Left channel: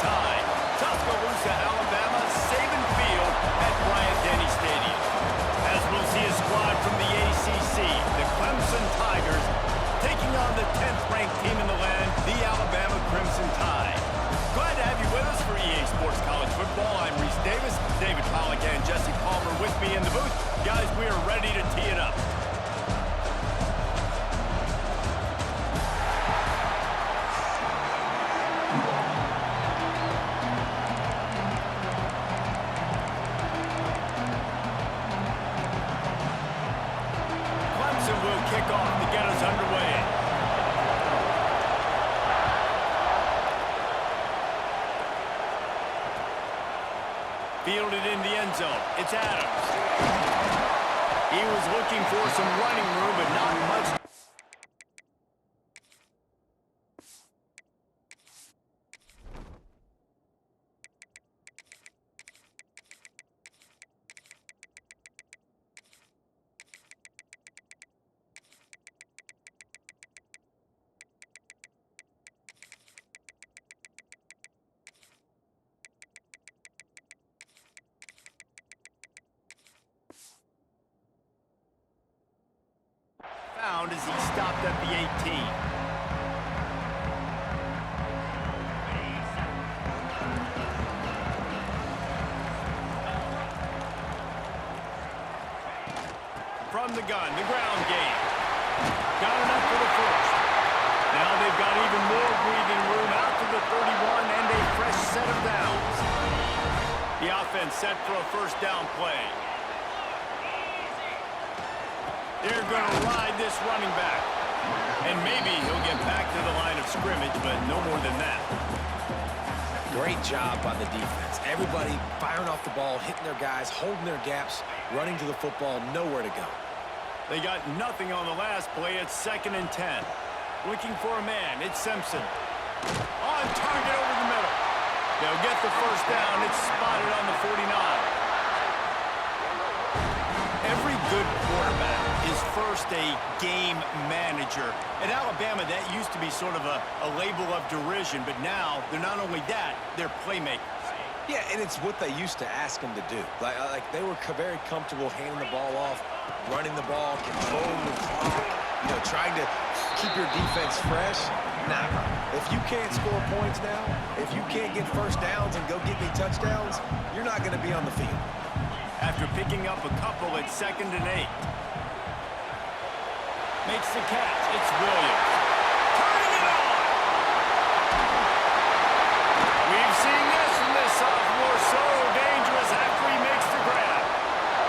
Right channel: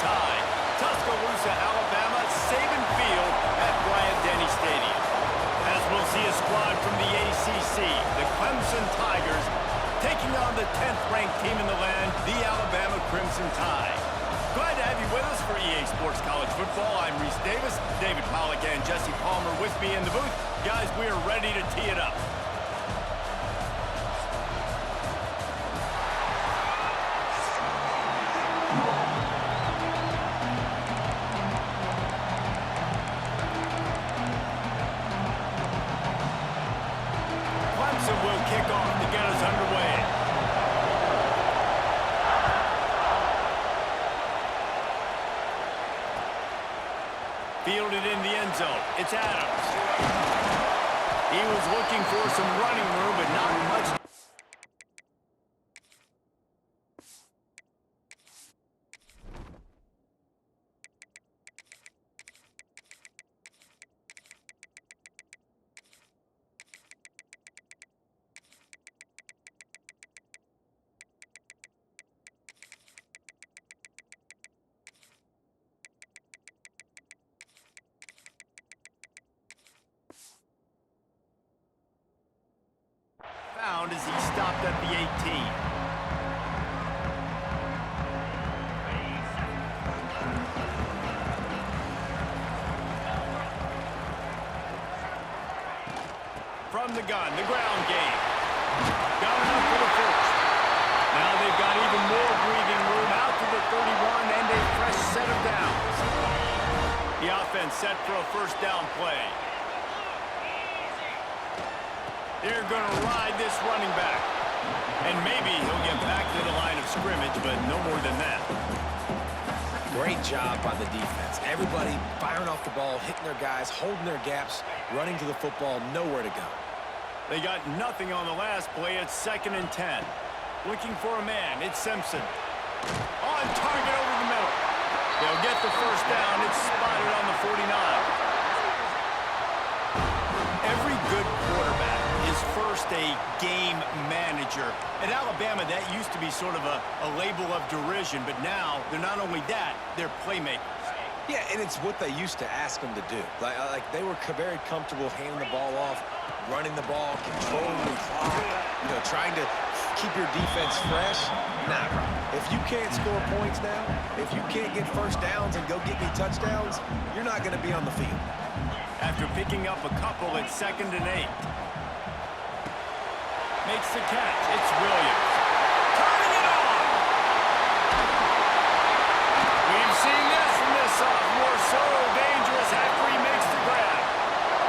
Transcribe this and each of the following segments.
Tide. Tuscaloosa, Alabama, Saban Field at Bryant-Denny Stadium. As we'll see a squad from the ACC, the Clemson Tigers, taking on the 10th-ranked team in the land, the Alabama Crimson Tide. Glad to have you with us for EA Sports College Football. I'm Reese Davis, David Pollack and Jesse Palmer with me in the booth. Guys, we are ready to tee it up. Clemson will kick off to get us underway. Fielded in the end zone. It's Adams. He was looking for some running room, but not much. Found as he stopped at the 18. From the gun, the ground game. Got enough for the first. Now they've got even more breathing room out to the 31 and a fresh set of downs. The offense set for a first down play. They're going to ride this running back. And maybe he'll get back to the line of scrimmage, but no more than that. Great job by the defense. Everybody firing off the ball, hitting their guys, holding their gaps, running to the football, nowhere to go. They got nothing on the last play. It's 2nd and 10. Looking for a man. It's Simpson. On target over the middle. They'll get the first down. It's spotted on the 49. Every good quarterback is first a game manager. At Alabama, that used to be sort of a label of derision, but now they're not only that, they're playmakers. Yeah, and it's what they used to ask them to do. Like they were very comfortable handing the ball off, running the ball, controlling the clock, trying to keep your defense fresh. Nah, bro. If you can't score points now, if you can't get first downs and go get me touchdowns, you're not going to be on the field. After picking up a couple, it's 2nd and 8. Makes the catch. It's Williams. Turning it on! We've seen this from this sophomore. So dangerous after he makes the grab.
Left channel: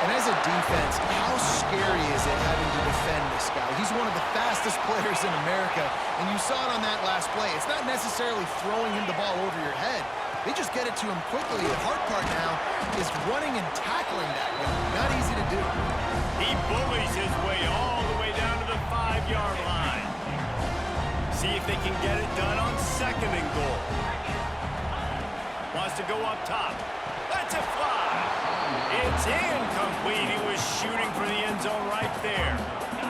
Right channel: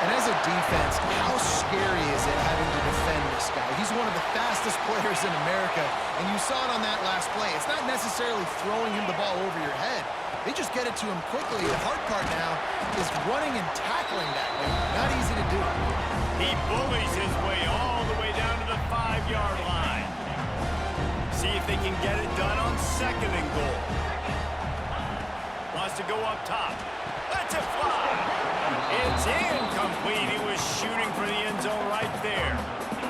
And as a defense, how scary is it having to defend this guy? He's one of the fastest players in America, and you saw it on that last play. It's not necessarily throwing him the ball over your head. They just get it to him quickly. The hard part now is running and tackling that guy. Not easy to do. He bullies his way all the way down to the 5-yard line. See if they can get it done on 2nd and goal. Wants to go up top. That's a fly. It's incomplete. He was shooting for the end zone right there.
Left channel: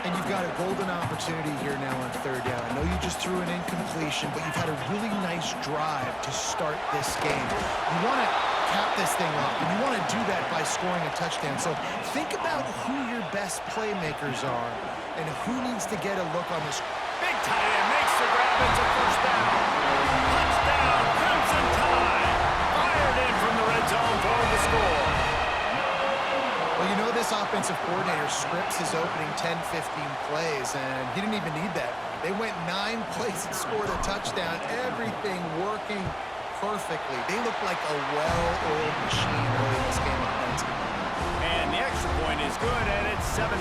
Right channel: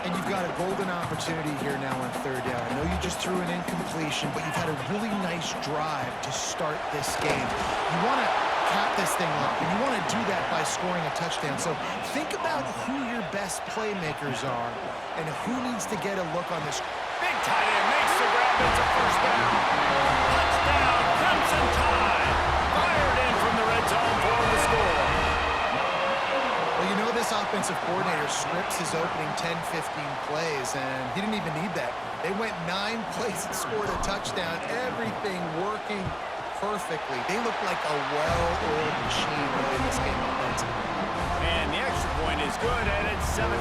And you've got a golden opportunity here now on 3rd down. I know you just threw an incompletion, but you've had a really nice drive to start this game. You want to cap this thing off, and you want to do that by scoring a touchdown. So think about who your best playmakers are and who needs to get a look on this. Big tight end makes the grab. It's a first down. Touchdown, Crimson Tide. Fired in from the red zone for the score. Well, this offensive coordinator scripts his opening 10, 15 plays, and he didn't even need that. They went 9 plays and scored a touchdown. Everything working perfectly. They look like a well-oiled machine early in this game offensively. And the extra point is good, and it's 7-0.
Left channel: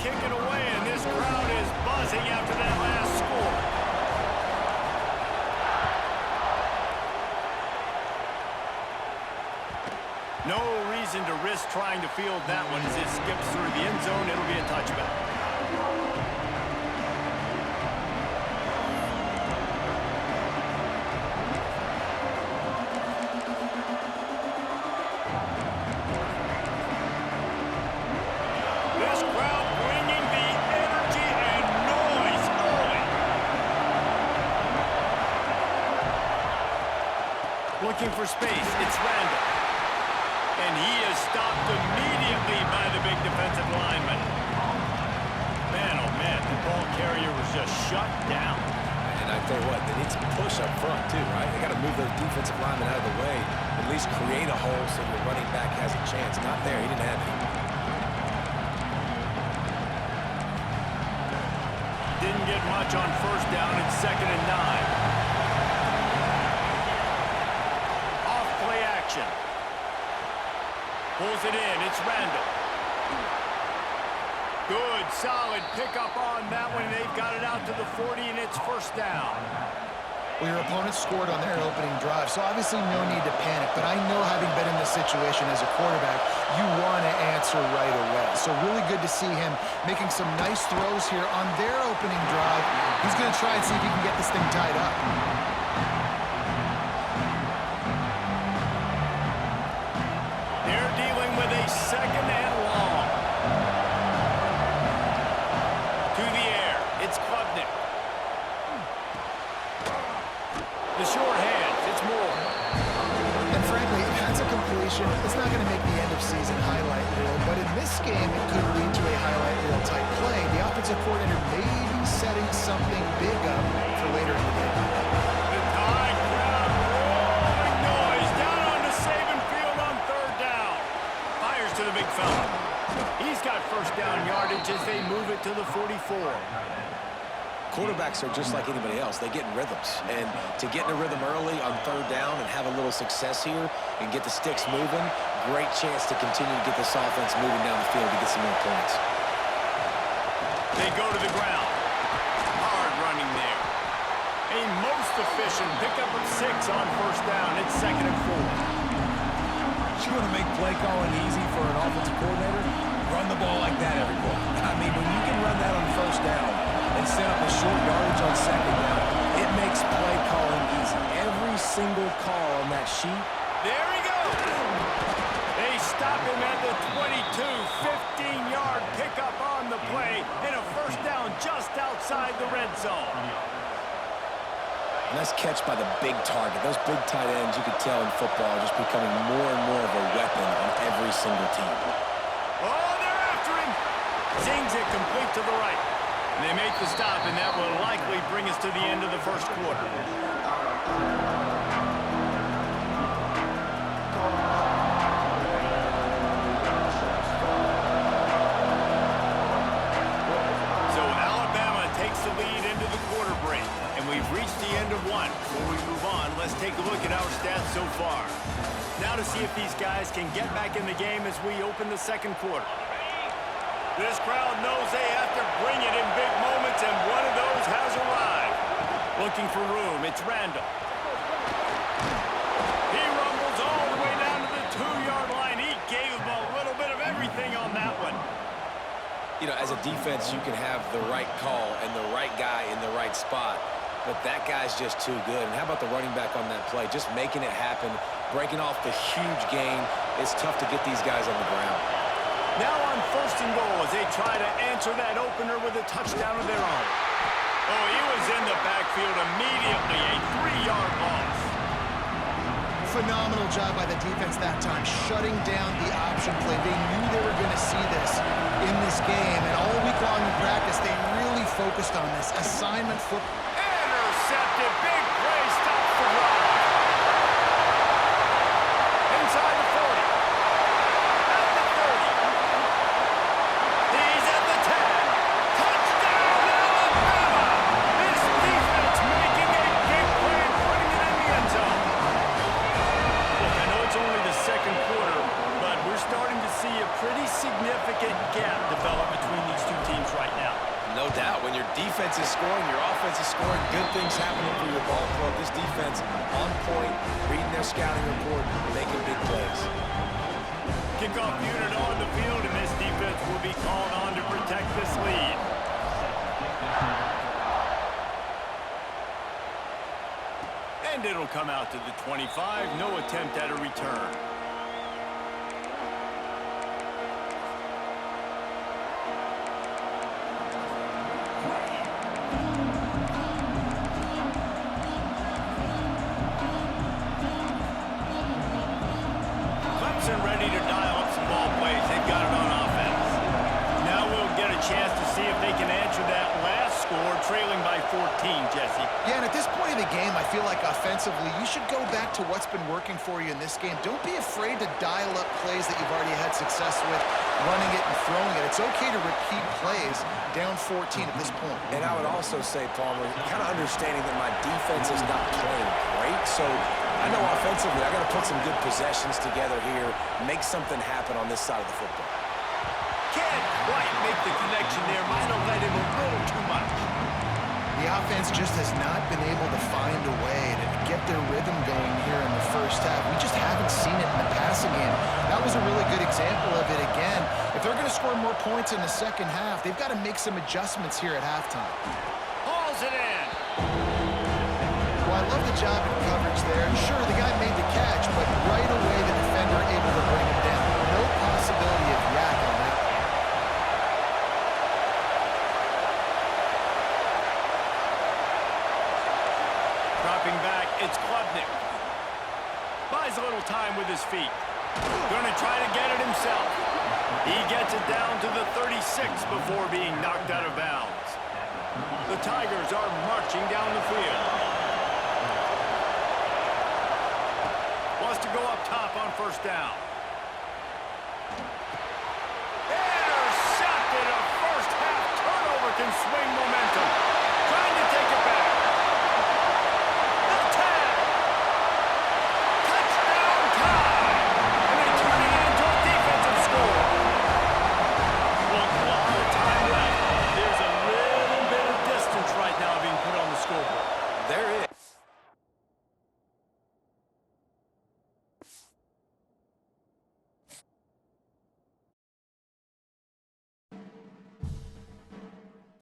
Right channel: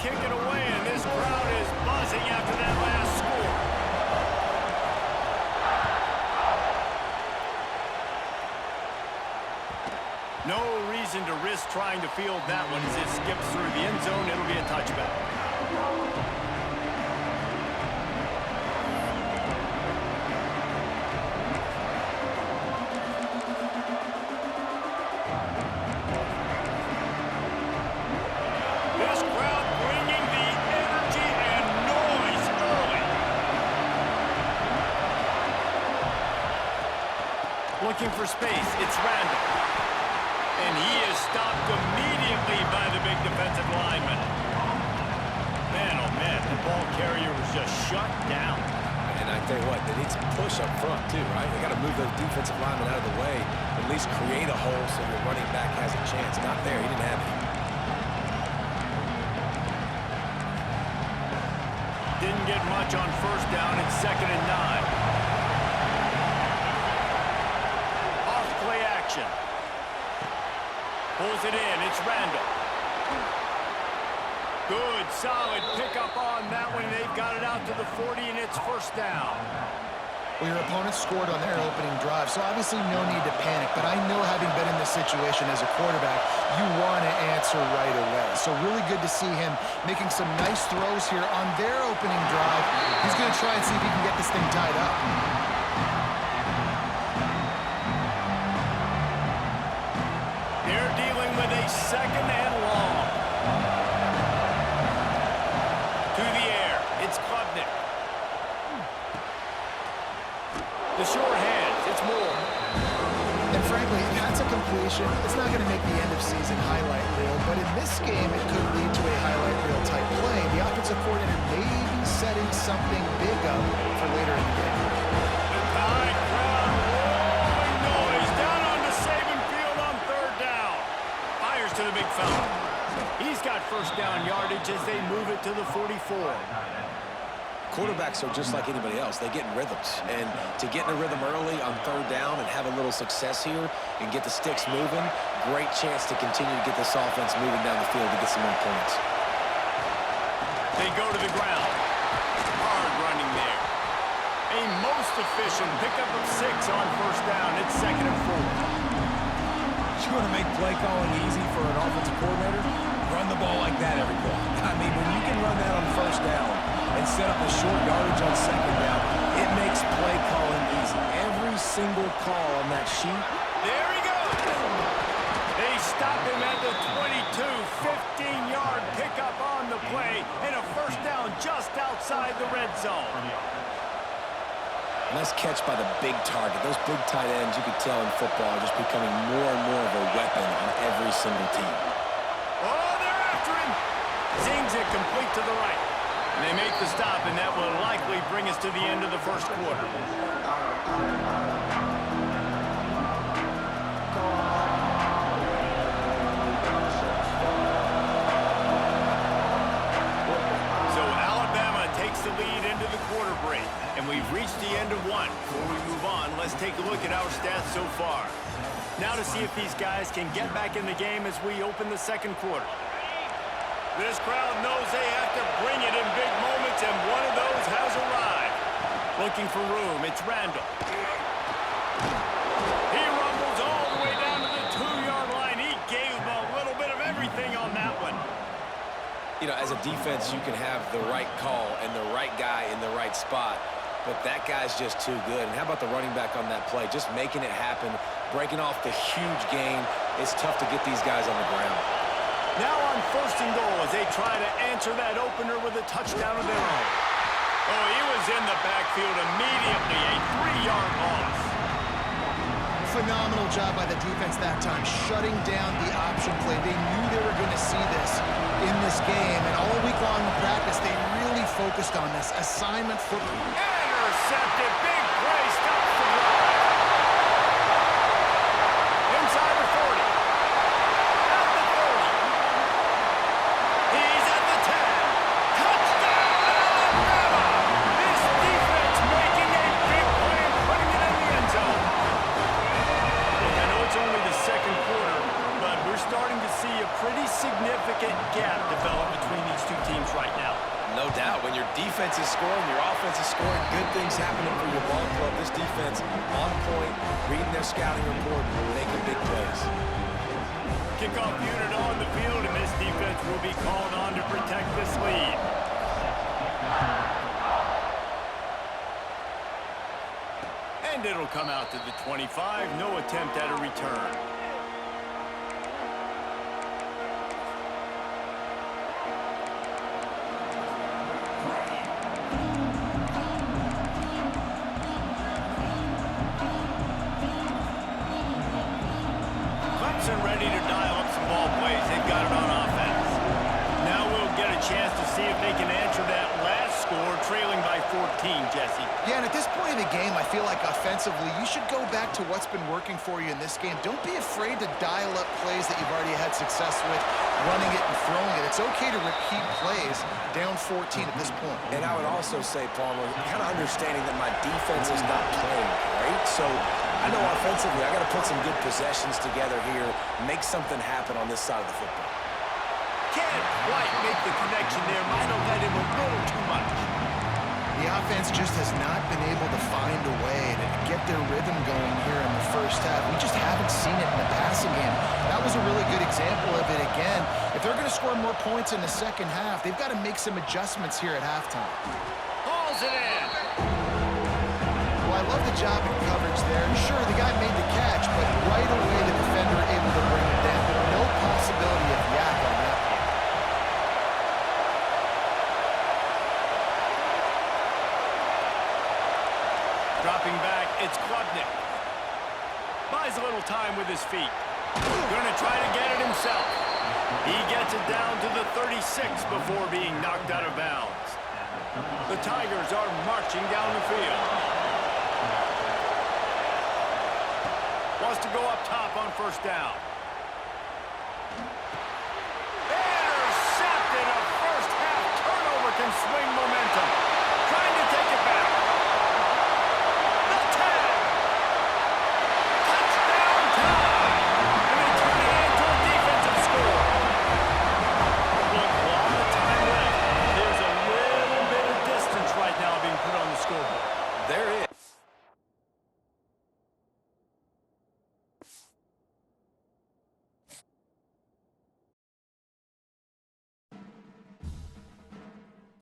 Kick it away, and this crowd is buzzing after that last score. No reason to risk trying to field that one as it skips through the end zone. It'll be a touchback. Looking for space. It's Randall. And he is stopped immediately by the big defensive lineman. Man, oh man, the ball carrier was just shut down. And I tell you what, they need some push up front too, right? They got to move those defensive linemen out of the way, at least create a hole so your running back has a chance. Not there, he didn't have any. Didn't get much on first down. It's 2nd and 9. Off play action. Pulls it in. It's Randall. Good, solid pickup on that one. They've got it out to the 40, and it's first down. Well, your opponent scored on their opening drive, so obviously no need to panic. But I know, having been in this situation as a quarterback, you want to answer right away. So really good to see him making some nice throws here on their opening drive. He's going to try and see if he can get this thing tied up. They're dealing with a 2nd and long. To the air. It's Klubnik. The short hands. It's Moore. And frankly, if that's a completion, it's not going to make the end-of-season highlight reel. But in this game, it could lead to a highlight reel type play. The offensive coordinator may be setting something big up for later in the game. The Tide crowd rolling noise down onto Saban Field on 3rd down. Fires to the big fella. He's got first down yardage as they move it to the 44. Quarterbacks are just like anybody else. They get in rhythms. And to get in a rhythm early on 3rd down and have a little success here and get the sticks moving, great chance to continue to get this offense moving down the field to get some more points. They go to the ground. Hard running there. A most efficient pickup of 6 on first down. It's 2nd and 4. You want to make play calling easy for an offensive coordinator? Run the ball like that every play. I mean, when you can run that on first down and set up a short yardage on 2nd down, it makes play calling easy. Every single call on that sheet. There he goes. They stop him at the 22, 15-yard pickup on the play, and a first down just outside the red zone. Nice catch by the big target. Those big tight ends, you could tell in football, are just becoming more and more of a weapon on every single team. Oh, they're after him. Zings it complete to the right. And they make the stop, and that will likely bring us to the end of the first quarter. So Alabama takes the lead into the quarter break. And we've reached the end of one. Before we move on, let's take a look at our stats so far. Now to see if these guys can get back in the game as we open the second quarter. This crowd knows they have to bring it in big moments, and one of those has arrived. Looking for room, it's Randall. He rumbles all the way down to the 2-yard line. He gave a little bit of everything on that one. You know, as a defense, you can have the right call and the right guy in the right spot, but that guy's just too good. And how about the running back on that play? Just making it happen, breaking off the huge gain. It's tough to get these guys on the ground. Now on 1st and goal as they try to answer that opener with a touchdown of their own. Oh, he was in the backfield immediately, a 3-yard loss. Phenomenal job by the defense that time, shutting down the option play. They knew they were going to see this in this game, and all week long in practice, they really focused on this. Assignment football. Intercepted, big play, stops the drive. Inside the 40. At the 30. He's at the 10. Touchdown, Alabama! This defense making a big play and putting it in the end zone. Look, I know it's only the second quarter, but we're starting to see a pretty significant gap develop between these two teams right now. No doubt. When your defense is scoring, your offense is scoring, good things happening for your ball club. This defense on point, reading their scouting report, making big plays. Kickoff unit on the field, and this defense will be called on to protect this lead. And it'll come out to the 25. No attempt at a return. Clemson ready to dial up some ball plays. They've got it on offense. Now we'll get a chance to see if they can answer that last score, trailing by 14, Jesse. Yeah, and at this point of the game, I feel like offensively, you should go back to what's been working for you in this game. Don't be afraid to dial up plays that you've already had success with, running it and throwing it. It's okay to repeat plays down 14 at this point. And I would also say, Palmer, kind of understanding that my defense is not playing great, so I know offensively I got to put some good possessions together here, make something happen on this side of the football. Can't quite make the connection there. Might have led him a little too much. The offense just has not been able to find a way to get their rhythm going here in the first half. We just haven't seen it in the passing game. That was a really good example of it again. If they're going to score more points in the second half, they've got to make some adjustments here at halftime. Hauls it in. Well, I love the job in coverage there. Sure, the guy made the catch, but right away the defender able to bring him down. No possibility of yak on that one. Dropping back, it's Klubnik. Buys a little time with his feet. Gonna try to get it himself. He gets it down to the 36 before being knocked out of bounds. The Tigers are marching down the field. Wants to go up top on first down. Intercepted. A first half turnover can swing momentum.